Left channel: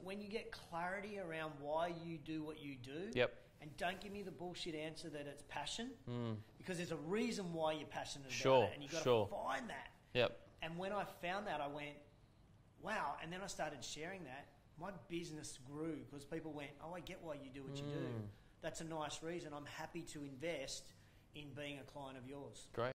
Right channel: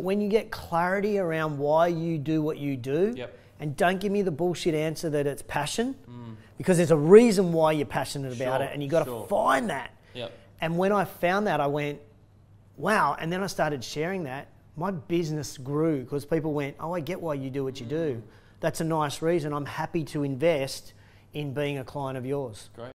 When you get clarity around why you do what you do, and don't give me the bullshit answer that it's passion, because there's a reason why you're passionate about it, and you got to find that. And when I found that, I went, wow. And then I started sharing that. My business grew because people went, oh, I get why you do what you do. That's a nice reason. I'm happy to invest in being a client of yours. Great.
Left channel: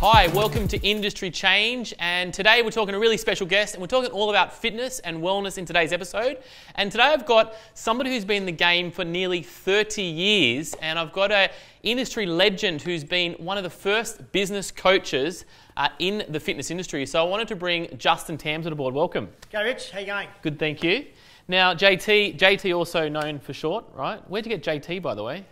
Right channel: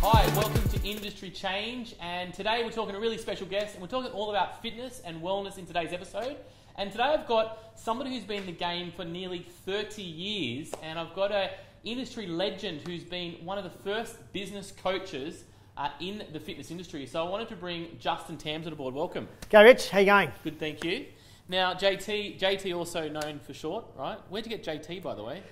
Hi, welcome to Industry Change, and today we're talking to a really special guest, and we're talking all about fitness and wellness in today's episode. And today I've got somebody who's been in the game for nearly 30 years, and I've got an industry legend who's been one of the first business coaches in the fitness industry. So I wanted to bring Justin Tamsett aboard. Welcome. Go, Rich. How you going? Good, thank you. Now, JT also known for short, right? Where'd you get JT, by the way?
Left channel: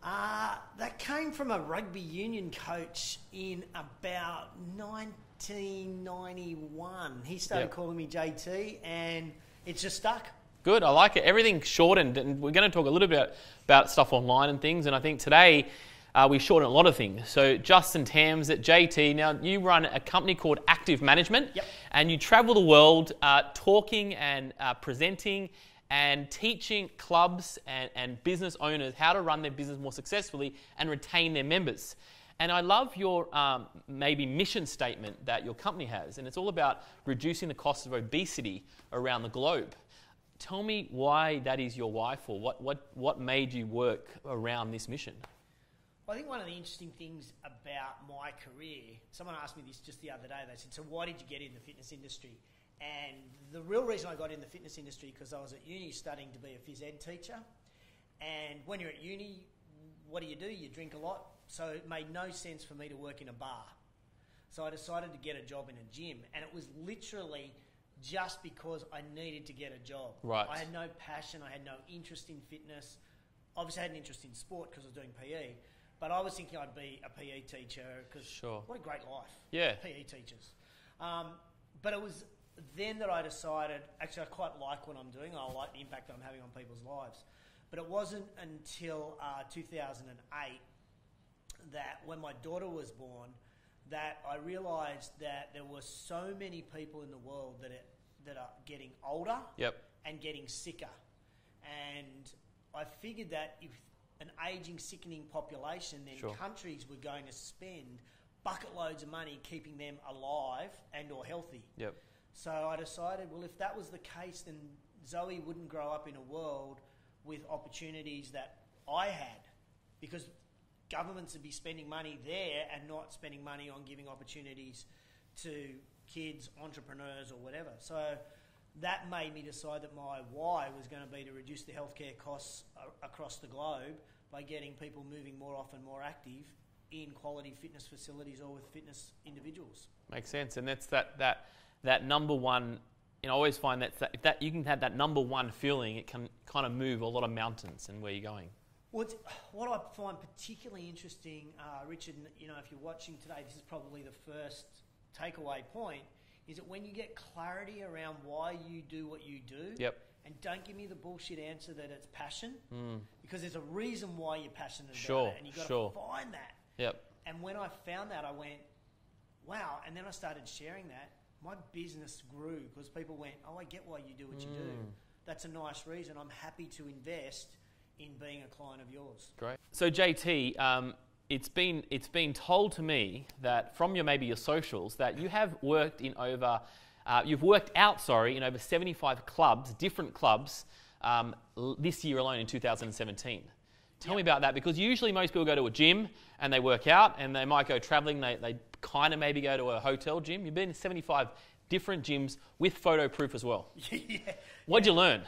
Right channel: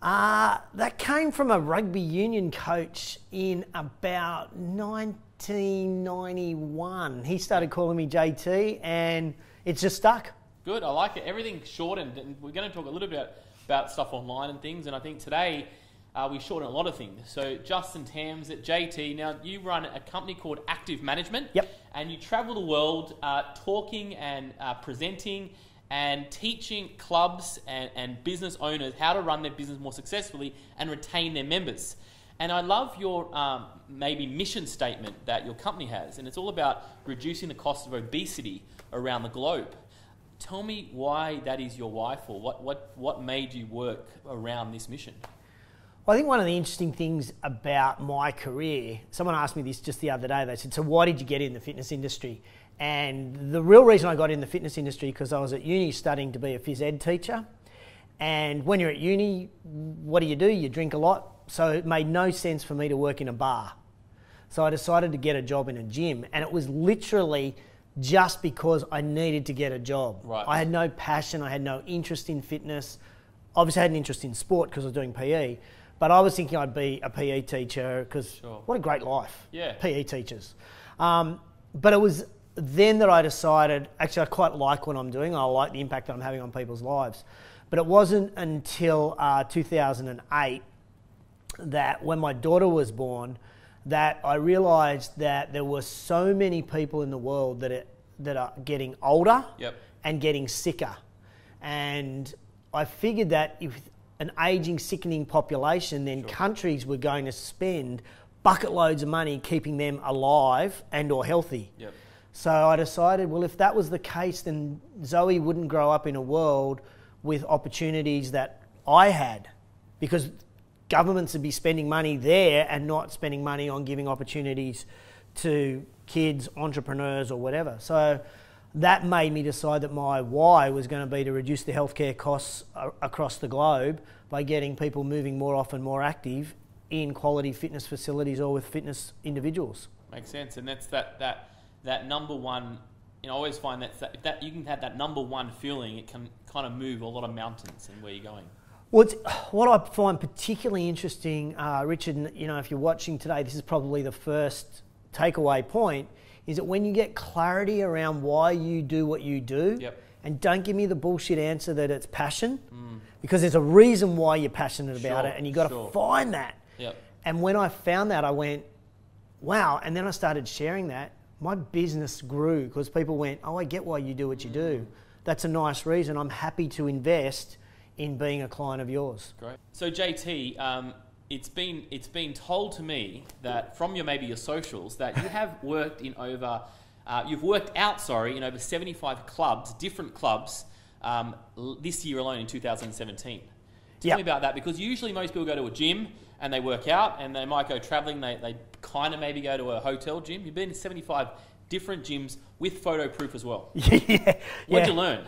That came from a rugby union coach in about 1991. He started calling me JT, and it's just stuck. Good, I like it. Everything's shortened, and we're going to talk a little bit about stuff online and things, and I think today we shorten a lot of things. So Justin Tamsett, JT, now you run a company called Active Management, and you travel the world talking and presenting and teaching clubs and business owners how to run their business more successfully and retain their members. And I love your maybe mission statement that your company has, and it's all about reducing the cost of obesity around the globe. Tell me why that is your why for. What made you work around this mission? Well, I think one of the interesting things about my career, someone asked me this just the other day, they said, so why did you get in the fitness industry? And the real reason I got in the fitness industry because I was at uni studying to be a phys ed teacher. And when you're at uni, what do? You drink a lot. So it made no sense for me to work in a bar. So I decided to get a job in a gym. And it was literally just because I needed to get a job. Right. I had no passion. I had no interest in fitness. Obviously I had an interest in sport because I was doing PE. But I was thinking I'd be a PE teacher because what a great life, PE teachers. But it was then that I decided, actually I quite like what I'm doing. I like the impact that I'm having on people's lives. But it wasn't until 2008 that when my daughter was born that I realised that there were so many people in the world that are getting older and getting sicker. And I figured that if an ageing, sickening population, then countries were going to spend bucket loads of money keeping them alive and or healthy. So I decided, well, if that was the case, then Zoe wouldn't grow up in a world with opportunities that I had, because governments would be spending money there and not spending money on giving opportunities to kids, entrepreneurs or whatever. So that made me decide that my why was going to be to reduce the healthcare costs across the globe by getting people moving more often, more active in quality fitness facilities or with fitness individuals. Makes sense, and that's that number one. I always find that you can have that number one feeling. It can kind of move a lot of mountains and where you're going. Well, what I find particularly interesting, Richard, and, if you're watching today, this is probably the first takeaway point, is that when you get clarity around why you do what you do, and don't give me the bullshit answer that it's passion, because there's a reason why you're passionate about it, and you got to find that. And when I found that, I went, wow. And then I started sharing that. My business grew because people went, oh, I get why you do what you do. That's a nice reason. I'm happy to invest in being a client of yours. Great. So JT, it's been told to me that from maybe your socials that you have worked in over, you've worked out in over 75 clubs, different clubs, this year alone in 2017. Tell me about that, because usually most people go to a gym and they work out, and they might go travelling, they kind of maybe go to a hotel gym. You've been in 75 different gyms with photo proof as well. What'd you learn?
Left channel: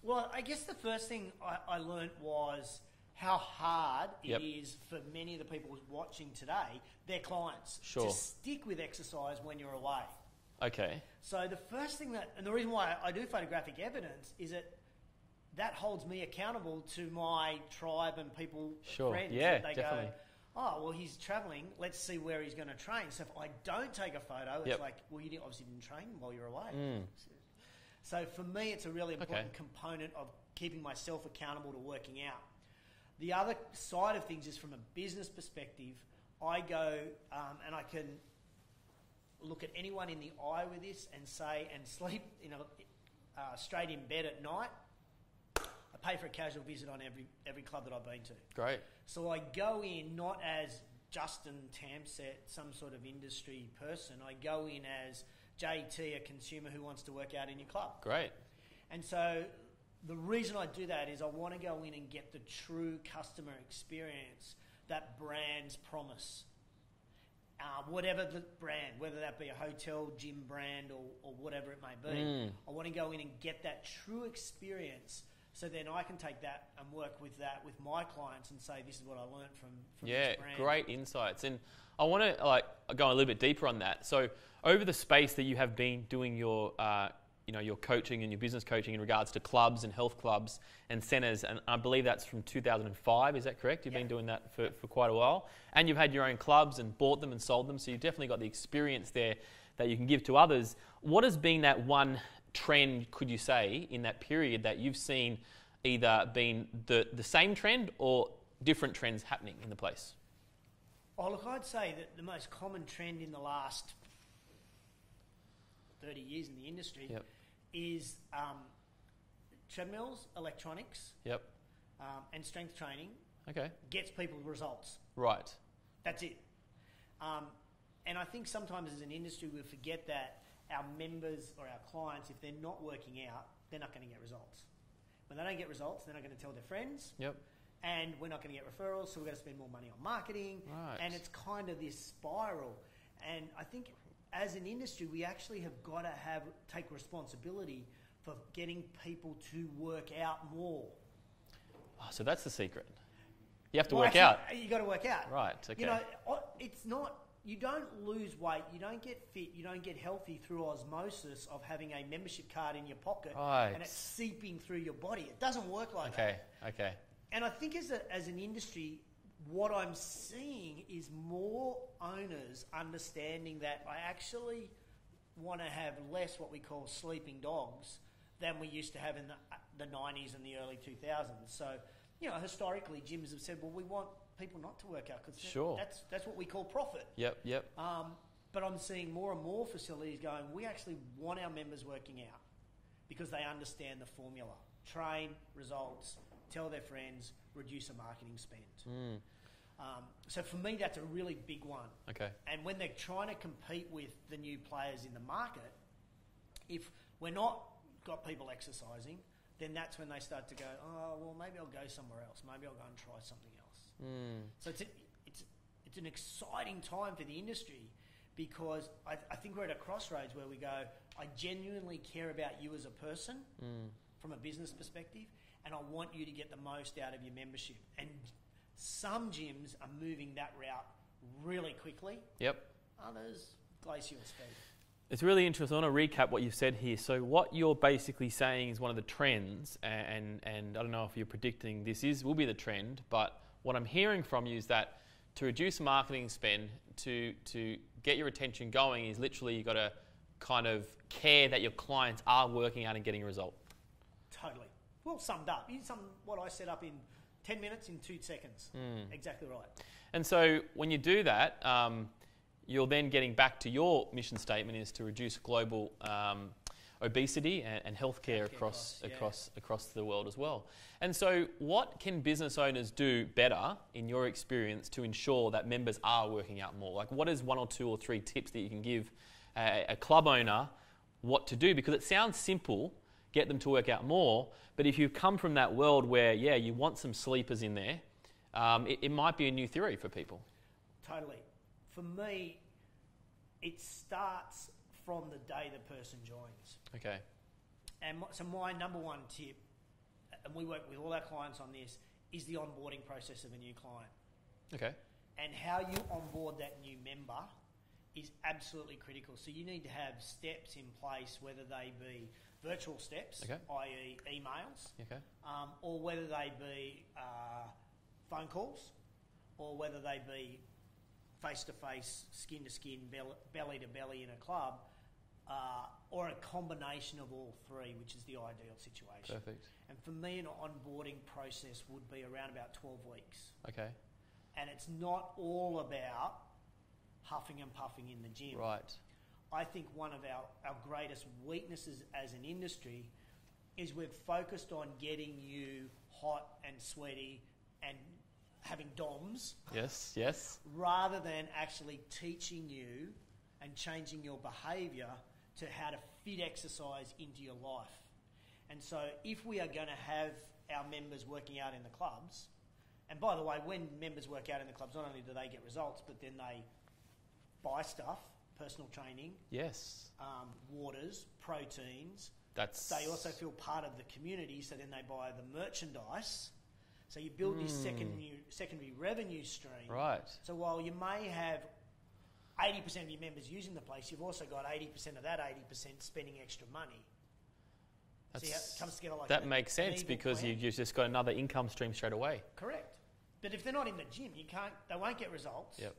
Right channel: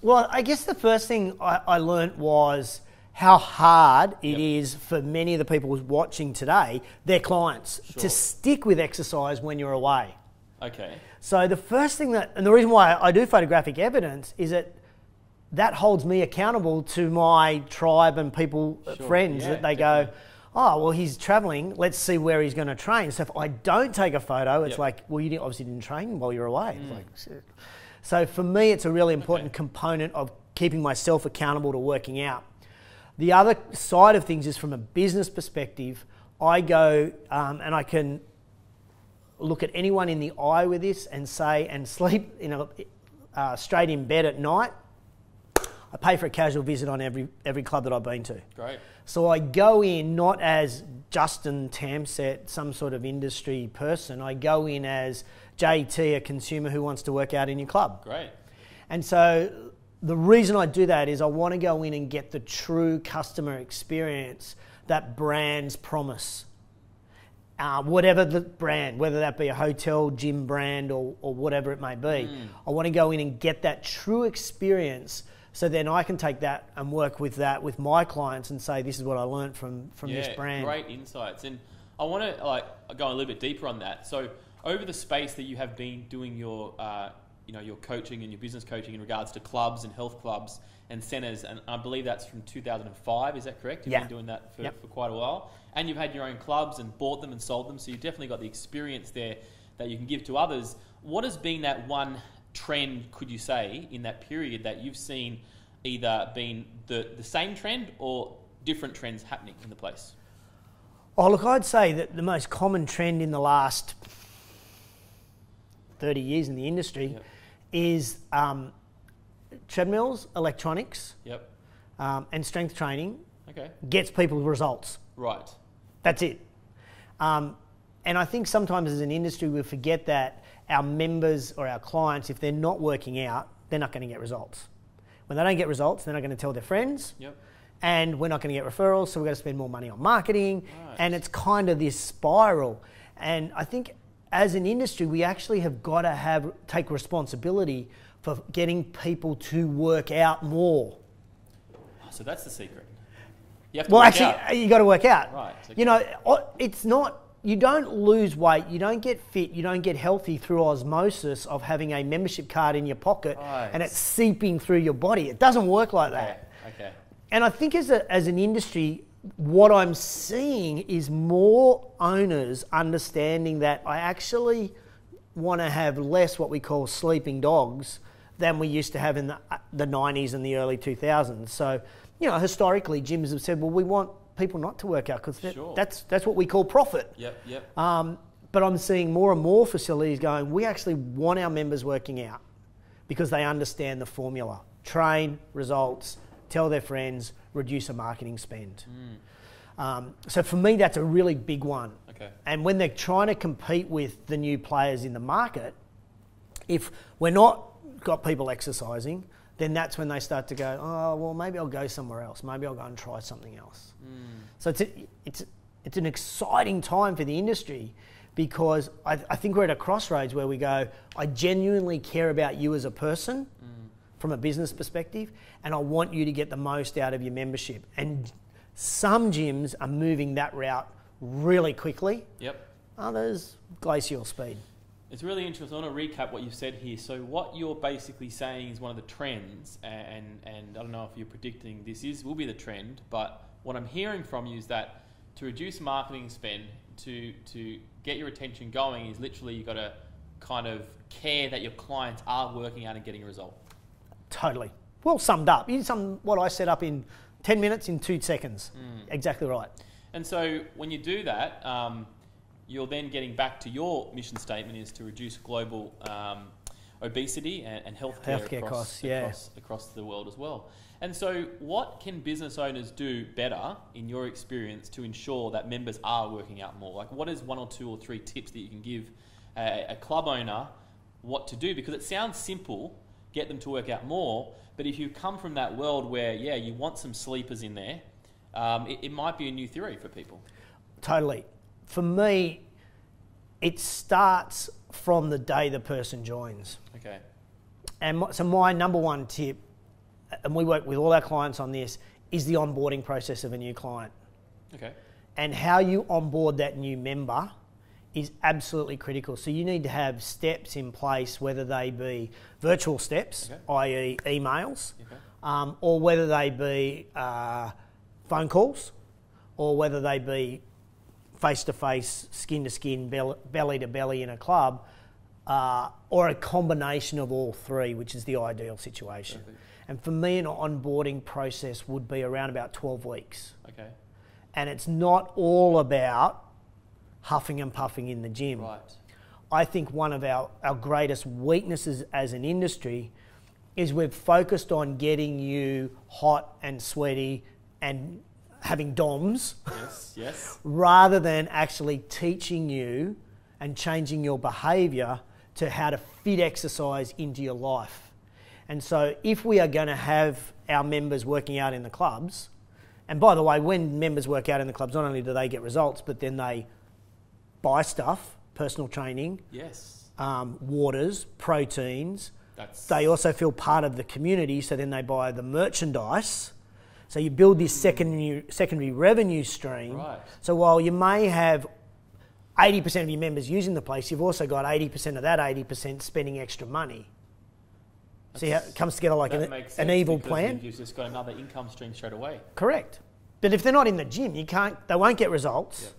Well, I guess the first thing I learned was how hard it is for many of the people who's watching today, their clients, to stick with exercise when you're away. Okay. So the first thing and the reason why I do photographic evidence is that holds me accountable to my tribe and people, friends, that they go, oh, well, he's travelling, let's see where he's going to train. So if I don't take a photo, it's like, well, you obviously didn't train while you're away. So for me, it's a really important component of keeping myself accountable to working out. The other side of things is from a business perspective, I go and I can look at anyone in the eye with this and say, and sleep straight in bed at night, I pay for a casual visit on every club that I've been to. Great. So I go in not as Justin Tamsett, some sort of industry person. I go in as JT, a consumer who wants to work out in your club. Great. And so the reason I do that is I want to go in and get the true customer experience that brands promise. Whatever the brand, whether that be a hotel, gym brand, or whatever it may be. I want to go in and get that true experience, so then I can take that and work with that with my clients and say, this is what I learned from this brand. Great insights. And I want to go a little bit deeper on that. So over the space that you have been doing your your coaching and your business coaching in regards to clubs and health clubs and centres, and I believe that's from 2005, is that correct? You've been doing that for quite a while. And you've had your own clubs and bought them and sold them, so you've definitely got the experience there that you can give to others. What has been that one trend, could you say, in that period that you've seen either been the same trend or different trends happening in the place? Oh, look, I'd say that the most common trend in the last 30 years in the industry is treadmills, electronics, and strength training gets people results. Right. That's it. And I think sometimes as an industry we forget that our members or our clients, if they're not working out, they're not going to get results. When they don't get results, they're not going to tell their friends. And we're not going to get referrals, so we're going to spend more money on marketing. Right. And it's kind of this spiral. And I think as an industry, we actually have got to take responsibility for getting people to work out more. Oh, so that's the secret. You have to work out. You got to work out. Right. Okay. It's not. You don't lose weight. You don't get fit. You don't get healthy through osmosis of having a membership card in your pocket and it's seeping through your body. It doesn't work like that. Okay. And I think as an industry, what I'm seeing is more owners understanding that I actually want to have less what we call sleeping dogs than we used to have in the 90s and the early 2000s. So, historically, gyms have said, well, we want people not to work out because that's what we call profit. But I'm seeing more and more facilities going, we actually want our members working out because they understand the formula. Train, results, tell their friends, reduce a marketing spend. So for me, that's a really big one. Okay. And when they're trying to compete with the new players in the market, if we're not got people exercising, then that's when they start to go, oh, well, maybe I'll go somewhere else. Maybe I'll go and try something else. So it's an exciting time for the industry because I think we're at a crossroads where we go, I genuinely care about you as a person from a business perspective, and I want you to get the most out of your membership. And some gyms are moving that route really quickly. Others, glacial speed. It's really interesting. I want to recap what you said here. So what you're basically saying is one of the trends, and I don't know if you're predicting this will be the trend, but what I'm hearing from you is that to reduce marketing spend, to get your attention going, is literally you've got to kind of care that your clients are working out and getting a result. Totally. Well summed up. You summed what I set up in 10 minutes in 2 seconds. Exactly right. And so when you do that, you're then getting back to your mission statement is to reduce global obesity and healthcare costs across the world as well. And so what can business owners do better, in your experience, to ensure that members are working out more? Like, what is 1 or 2 or 3 tips that you can give a club owner what to do? Because it sounds simple, get them to work out more, but if you come from that world where, you want some sleepers in there, it might be a new theory for people. Totally. For me, it starts from the day the person joins. Okay. And so my number one tip, and we work with all our clients on this, is the onboarding process of a new client. Okay. And how you onboard that new member is absolutely critical. So you need to have steps in place, whether they be virtual steps, i.e. emails, or whether they be phone calls, or whether they be face-to-face, skin-to-skin, belly-to-belly in a club. or a combination of all three, which is the ideal situation. Perfect. And for me, an onboarding process would be around about 12 weeks. Okay. And it's not all about huffing and puffing in the gym. Right. I think one of our greatest weaknesses as an industry is we've focused on getting you hot and sweaty and having DOMs. Yes, yes. Rather than actually teaching you and changing your behaviour to how to fit exercise into your life. And so if we are going to have our members working out in the clubs, and by the way, when members work out in the clubs, not only do they get results, but then they buy stuff, personal training, yes, waters, proteins. They also feel part of the community, so then they buy the merchandise. So you build this secondary revenue stream. Right. So while you may have 80% of your members using the place, you've also got 80% of that 80% spending extra money. See how it comes together like an evil plan? You've just got another income stream straight away. Correct. But if they're not in the gym, they won't get results. Yep.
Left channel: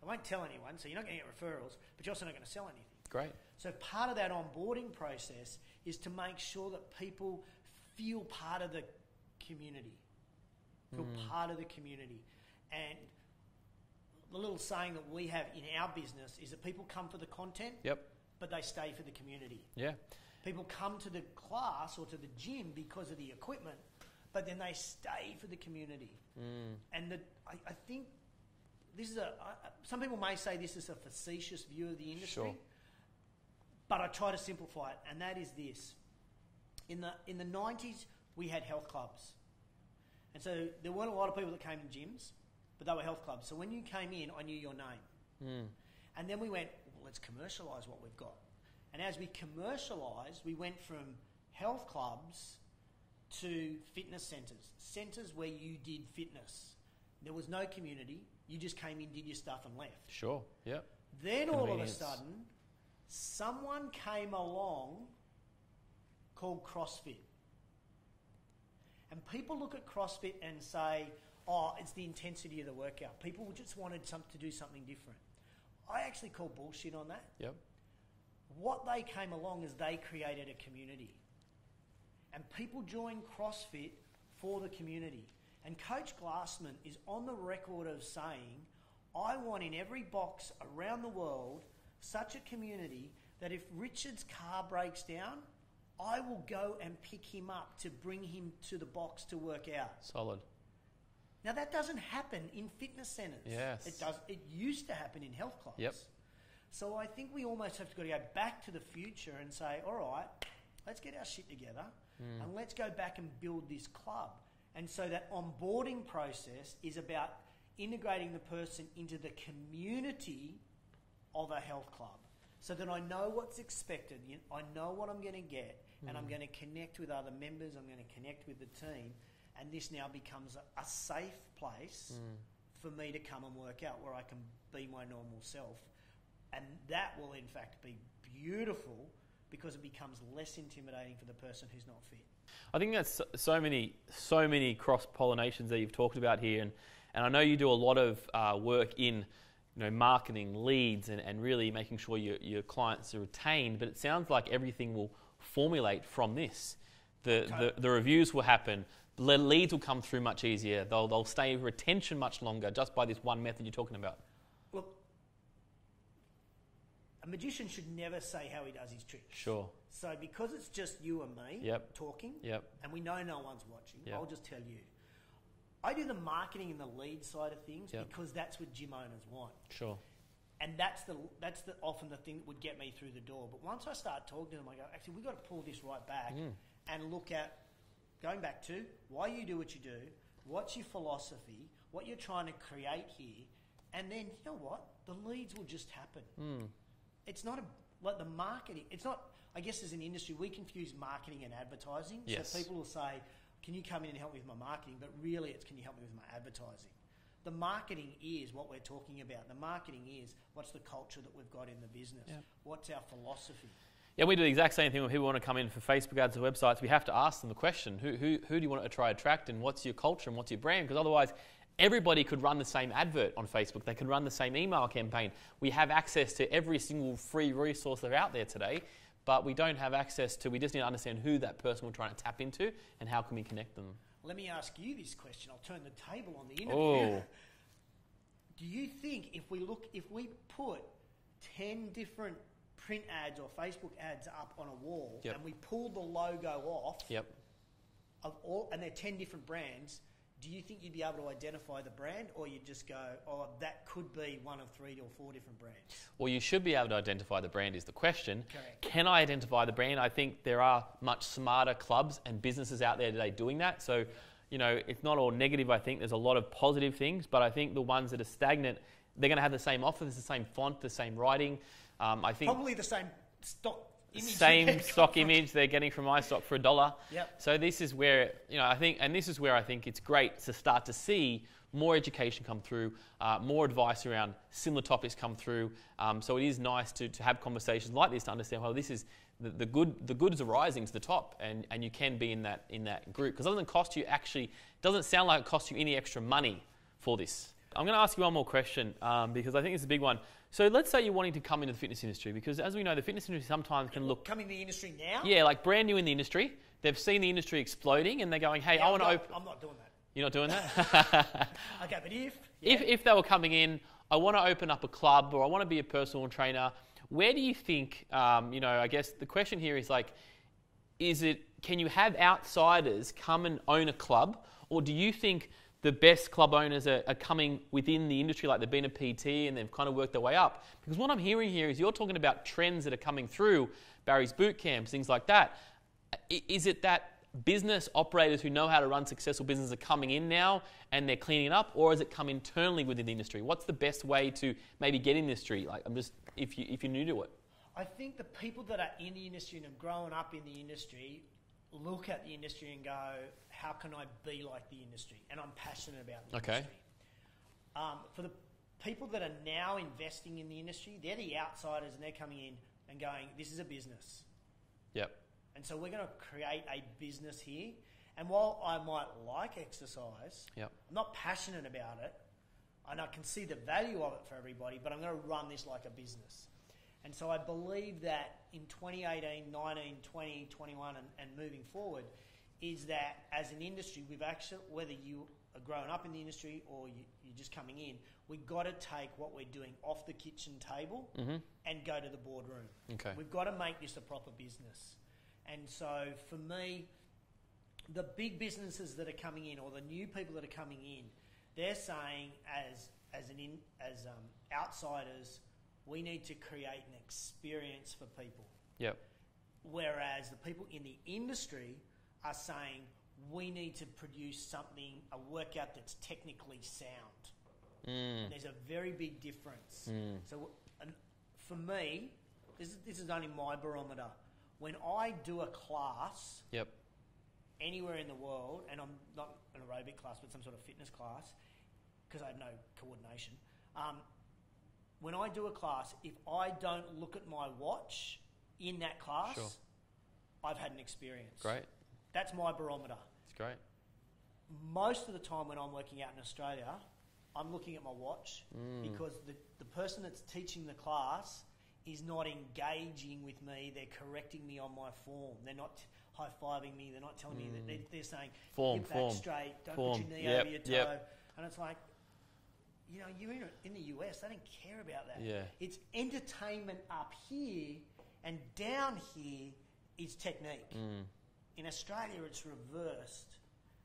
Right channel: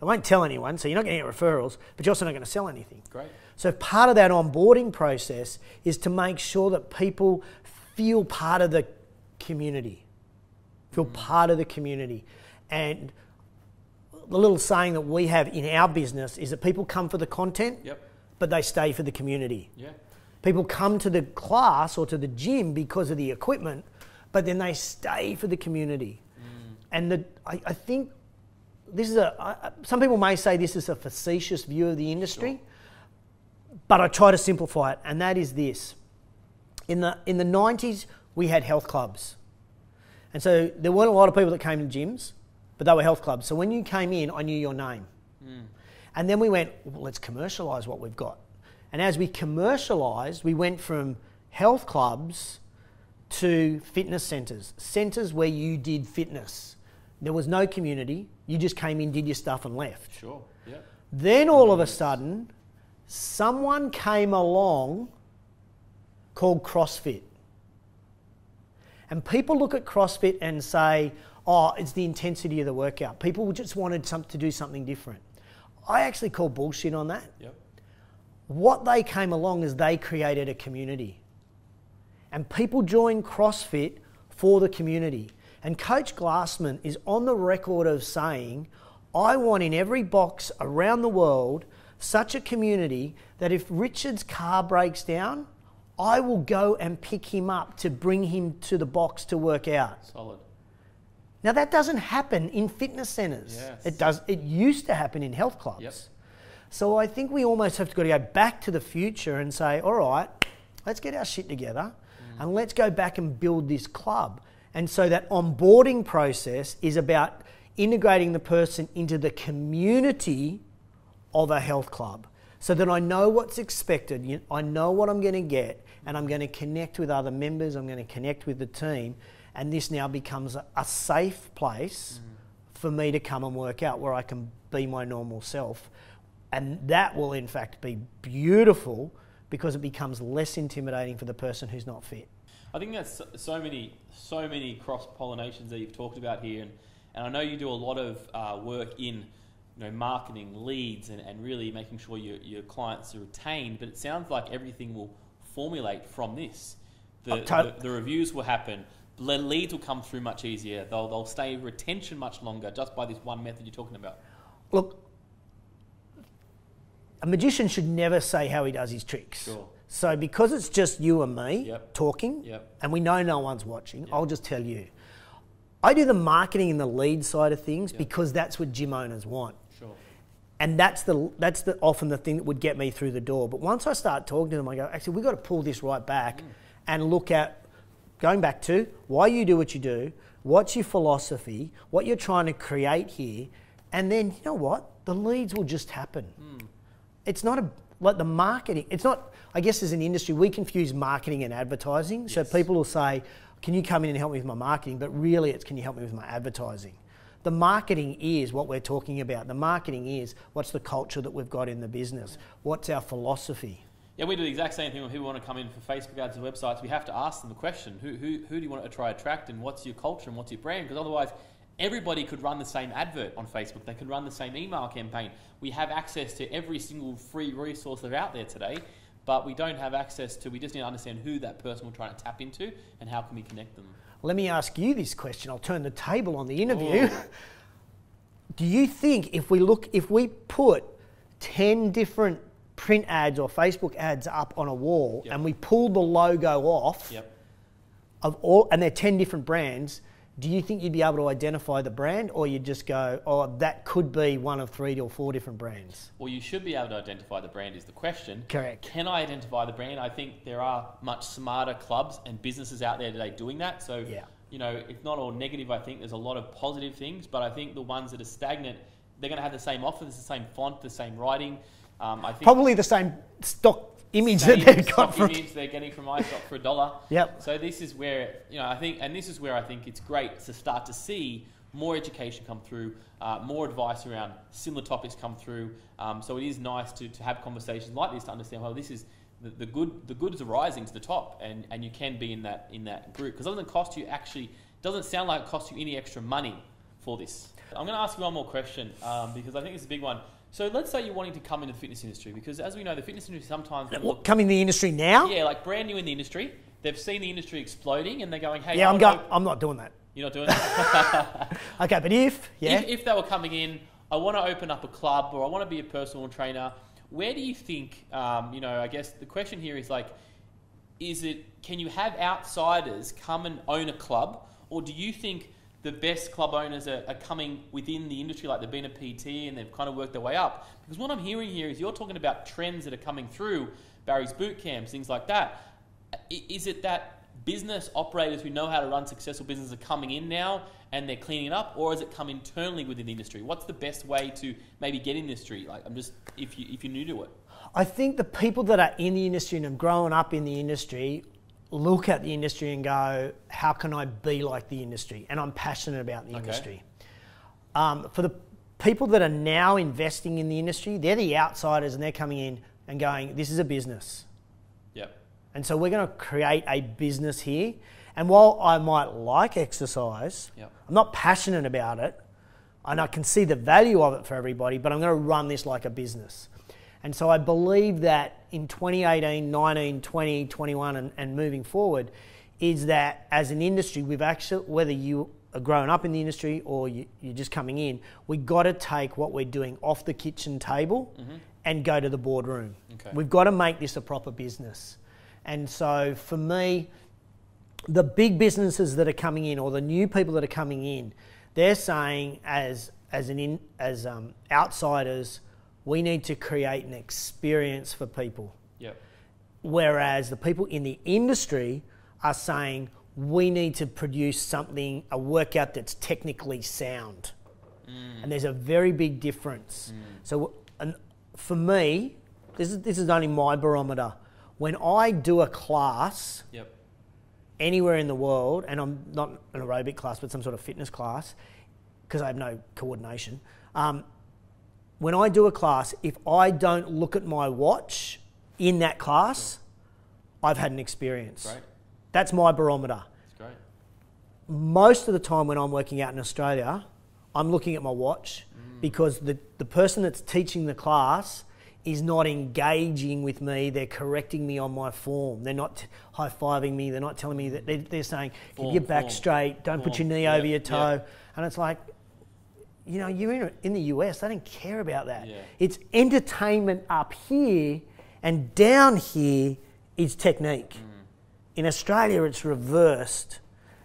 They won't tell anyone, so you're not going to get referrals, but you're also not going to sell anything. Great. So part of that onboarding process is to make sure that people feel part of the community. Part of the community. And the little saying that we have in our business is that people come for the content, but they stay for the community. Yeah. People come to the class or to the gym because of the equipment, but then they stay for the community. And I think this is some people may say this is a facetious view of the industry, but I try to simplify it, and that is this. In the 90s, we had health clubs. And so there weren't a lot of people that came to gyms, but they were health clubs. So when you came in, I knew your name. And then we went, well, let's commercialise what we've got. And as we commercialised, we went from health clubs to fitness centres where you did fitness. There was no community. You just came in, did your stuff and left. Sure, yeah. Then all of a sudden, someone came along called CrossFit. And people look at CrossFit and say, oh, it's the intensity of the workout. People just wanted to do something different. I actually call bullshit on that. Yep. What they came along is they created a community. And people joined CrossFit for the community. And Coach Glassman is on the record of saying, I want in every box around the world such a community that if Richard's car breaks down, I will go and pick him up to bring him to the box to work out. Solid. Now that doesn't happen in fitness centres. Yes. It used to happen in health clubs. Yep. So I think we almost have to go back to the future and say, all right, let's get our shit together and let's go back and build this club. And so that onboarding process is about integrating the person into the community of a health club so that I know what's expected, I know what I'm going to get, and I'm going to connect with other members, I'm going to connect with the team, and this now becomes a safe place for me to come and work out where I can be my normal self. And that will in fact be beautiful because it becomes less intimidating for the person who's not fit. I think that's so many cross-pollinations that you've talked about here, and I know you do a lot of work in marketing, leads, and really making sure your clients are retained, but it sounds like everything will formulate from this. The reviews will happen, the leads will come through much easier, they'll stay in retention much longer just by this one method you're talking about. Look, a magician should never say how he does his tricks. Sure. So because it's just you and me talking, and we know no one's watching, I'll just tell you. I do the marketing and the lead side of things because that's what gym owners want. Sure. And that's often the thing that would get me through the door. But once I start talking to them, I go, actually, we've got to pull this right back and look at, going back to why you do what you do, what's your philosophy, what you're trying to create here, and then, you know what? The leads will just happen. It's not like the marketing. It's not, I guess as an industry, we confuse marketing and advertising. Yes. So people will say, can you come in and help me with my marketing? But really it's, can you help me with my advertising? The marketing is what we're talking about. The marketing is what's the culture that we've got in the business? What's our philosophy? Yeah, we do the exact same thing when people want to come in for Facebook ads and websites. We have to ask them the question, who do you want to try to attract, and what's your culture and what's your brand? Because otherwise everybody could run the same advert on Facebook. They could run the same email campaign. We have access to every single free resource that's out there today, but we don't have access to, we just need to understand who that person we're trying to tap into and how can we connect them. Let me ask you this question. I'll turn the table on the interview. Do you think if we put 10 different print ads or Facebook ads up on a wall and we pull the logo off of all, and they're 10 different brands, do you think you'd be able to identify the brand, or you'd just go, oh, that could be one of 3 or 4 different brands? Well, you should be able to identify the brand is the question. Correct. Can I identify the brand? I think there are much smarter clubs and businesses out there today doing that. So, you know, it's not all negative. I think there's a lot of positive things, but I think the ones that are stagnant, they're going to have the same offers, the same font, the same writing. I think probably the same stock image that they've got image they're getting from iStock for $1. Yep. So this is where, you know, I think it's great to start to see more education come through, more advice around similar topics come through. So it is nice to have conversations like this to understand, well, this is the good is rising to the top, and you can be in that group, because it doesn't cost you doesn't sound like it costs you any extra money for this. I'm going to ask you one more question because I think it's a big one. So let's say you're wanting to come into the fitness industry, because as we know, the fitness industry sometimes... Come in the industry now? Yeah, like brand new in the industry. They've seen the industry exploding and they're going, hey... Yeah, I'm not doing that. You're not doing that? Okay, but if they were coming in, I want to open up a club or I want to be a personal trainer, where do you think, you know, I guess the question here is like, can you have outsiders come and own a club, or do you think the best club owners are coming within the industry, like they've been a PT and they've kind of worked their way up? Because what I'm hearing here is you're talking about trends that are coming through, Barry's boot camps, things like that. Is it that business operators who know how to run successful businesses are coming in now and they're cleaning up, or has it come internally within the industry? What's the best way to maybe get in the industry? Like, if you're new to it. I think the people that are in the industry and have grown up in the industry look at the industry and go, how can I be like the industry? And I'm passionate about the industry. For the people that are now investing in the industry, they're the outsiders and they're coming in and going, this is a business. Yep. And so we're going to create a business here. And while I might like exercise, I'm not passionate about it, and I can see the value of it for everybody, but I'm going to run this like a business. And so I believe that in 2018, 19, 20, 21 and moving forward, is that as an industry, we've actually, whether you are growing up in the industry or you're just coming in, we've got to take what we're doing off the kitchen table and go to the boardroom. Okay. We've got to make this a proper business. And so for me, the big businesses that are coming in, or the new people that are coming in, they're saying as outsiders, we need to create an experience for people. Yep. Whereas the people in the industry are saying we need to produce something, a workout that's technically sound. And there's a very big difference. So for me, this is only my barometer. When I do a class anywhere in the world, and I'm not an aerobic class, but some sort of fitness class, because I have no coordination, when I do a class, if I don't look at my watch in that class, I've had an experience. Great. That's my barometer. That's great. Most of the time when I'm working out in Australia, I'm looking at my watch because the person that's teaching the class is not engaging with me. They're correcting me on my form. They're not high-fiving me. They're not telling me that. They're saying, keep your back straight, don't put your knee over your toe. And it's like, you know, you're in the US, they don't care about that. Yeah. It's entertainment up here, and down here is technique. In Australia, it's reversed.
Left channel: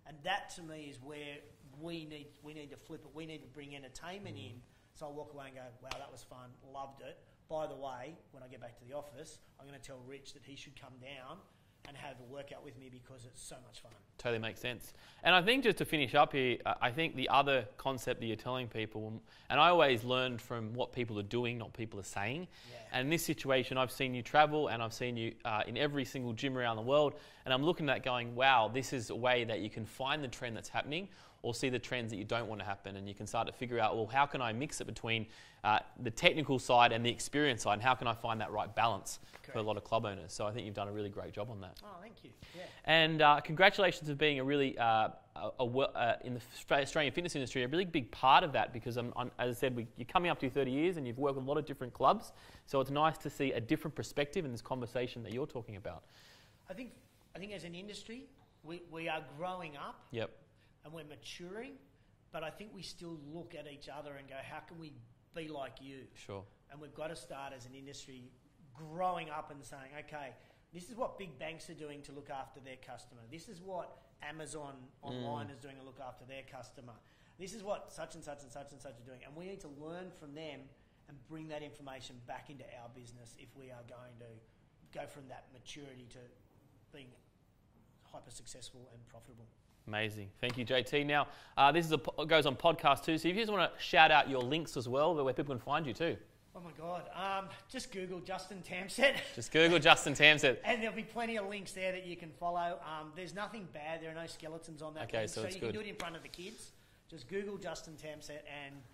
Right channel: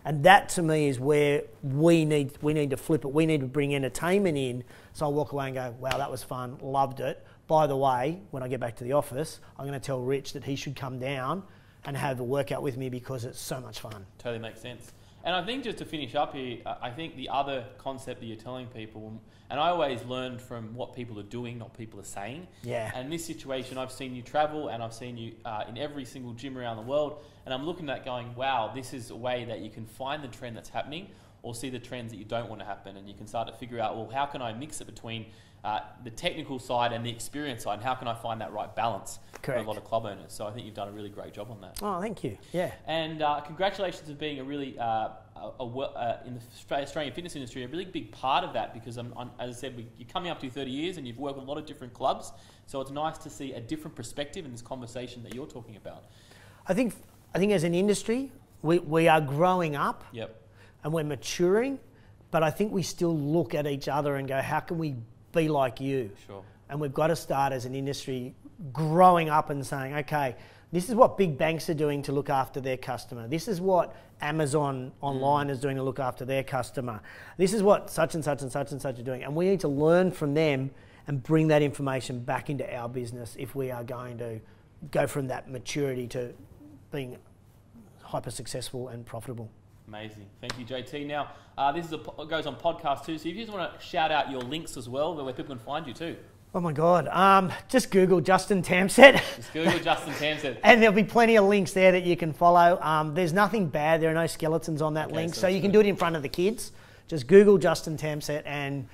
And that to me is where we need to flip it. We need to bring entertainment in. So I walk away and go, wow, that was fun, loved it. By the way, when I get back to the office, I'm going to tell Rich that he should come down and have a workout with me because it's so much fun. Totally makes sense. And I think just to finish up here, I think the other concept that you're telling people, and I always learn from what people are doing, not people are saying. Yeah. And in this situation, I've seen you travel and I've seen you in every single gym around the world, and I'm looking at that going, wow, this is a way that you can find the trend that's happening, or see the trends that you don't want to happen, and you can start to figure out, well, how can I mix it between the technical side and the experience side, and how can I find that right balance for a lot of club owners? So I think you've done a really great job on that. Oh, thank you. Yeah. And congratulations for being a really, in the Australian fitness industry, a really big part of that, because as I said, you're coming up to 30 years and you've worked with a lot of different clubs. So it's nice to see a different perspective in this conversation that you're talking about. I think as an industry, we are growing up. Yep. And we're maturing, but I think we still look at each other and go, how can we be like you? Sure. And we've got to start as an industry growing up and saying, okay, this is what big banks are doing to look after their customer. This is what Amazon online is doing to look after their customer. This is what such and such and such and such are doing. And we need to learn from them and bring that information back into our business if we are going to go from that maturity to being hyper successful and profitable. Amazing. Thank you, JT. Now, this goes on podcast too, so if you just want to shout out your links as well, where people can find you too. Oh my God. Just Google Justin Tamsett. Just Google Justin Tamsett. And there'll be plenty of links there that you can follow. There's nothing bad. There are no skeletons on that link. So you can do it in front of the kids. Just Google Justin Tamsett and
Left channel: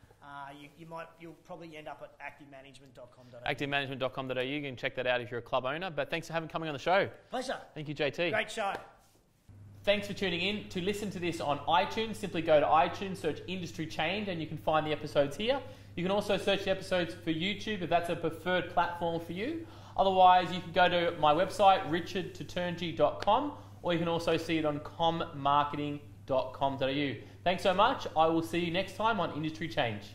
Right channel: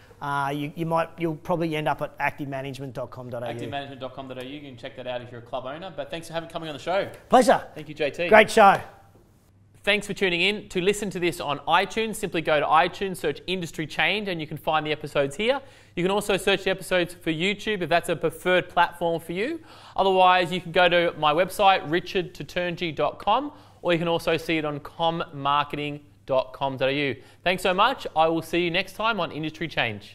you'll probably end up at activemanagement.com.au. Activemanagement.com.au. You can check that out if you're a club owner. But thanks for coming on the show. Pleasure. Thank you, JT. Great show. Thanks for tuning in. To listen to this on iTunes, simply go to iTunes, search Industry Change, and you can find the episodes here. You can also search the episodes for YouTube if that's a preferred platform for you. Otherwise, you can go to my website, richardtoturngi.com, or you can also see it on commarketing.com.au. Thanks so much. I will see you next time on Industry Change.